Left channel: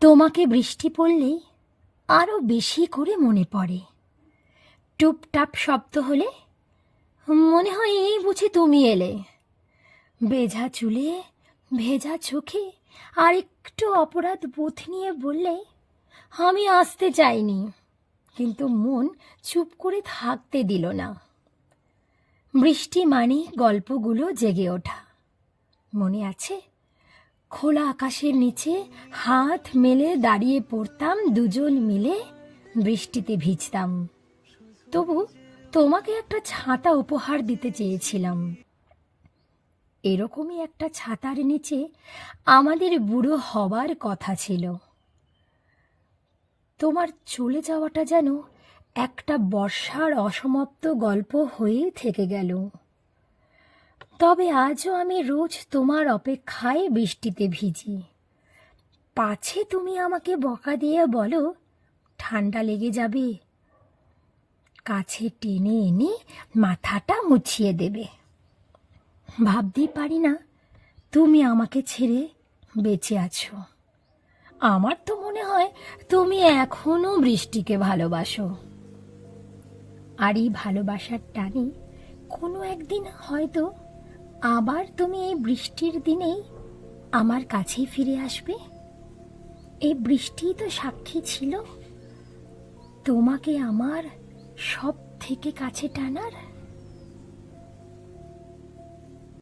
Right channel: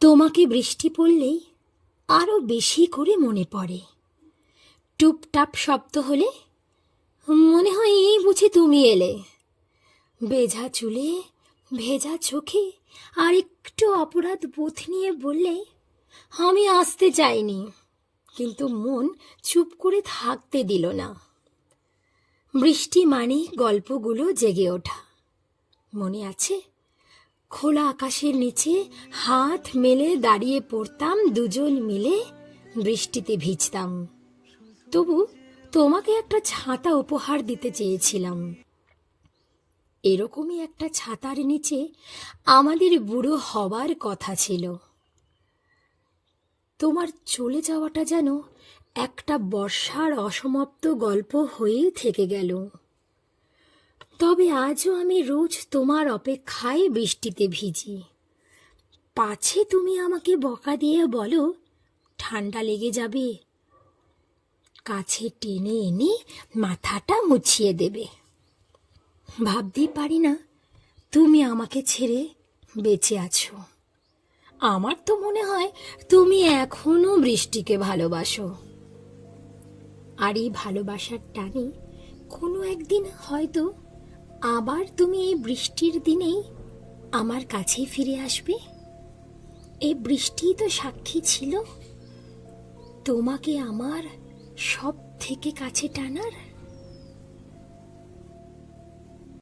তোমাকে বৃষ্টি পড়লেই আরো বেশি করে মনে পড়ে। টুপটাপ শব্দ হলে মনে হয় এই বুঝি তুমি এলে। ভেজা চুলে, ভেজা চোখে আর একটু অপরাধ বোধ নিয়ে বললে, আমি আসতে চাইনি, কিন্তু মন চুপ করে থাকতে দিল না। বৃষ্টি মানে গল্পগুলো জেগে ওঠা। মনে আছে, খোলা আকাশের নিচে হাত মেলে দাঁড়িয়ে পড়তাম দুজন মিলে, বৃষ্টিতে ভিজতাম। তবু তোমাকে একটা ছাতা উপহার দিতে চেয়েছিলাম। এরকমই একটা ছাতার নিচে আমাদের বুড়ো হবার কথা ছিল। তোমার চলে যাওয়াটা যেন একটা বর্ষার অসমাপ্ত গল্প হয়েই থেকে গেল। তবে আজও আমি রোজ তোমার অপেক্ষায় বৃষ্টিতে ভিজি। পাছে তুমি আমাকে বকা দিয়ে বলো, ঠান্ডা লেগে যাবে, কাছে টেনে এনে মাথাটা মুছিয়ে দেবে। ভাবতেই পারি না তুমি আমাকে ছেড়ে বেঁচে আছো। আমার তো মনে হয় তুমি এখনো বৃষ্টিকে ভালোবাসো। আর এই ভালোবাসার টানে কোনো একদিন হয়তো আবার তুমি এই বৃষ্টির দিনেই আমার কাছেই ফিরে আসবে। এই বৃষ্টিই তো সাক্ষী ছিল তোমাকে আমার সব থেকে কাছে টানার।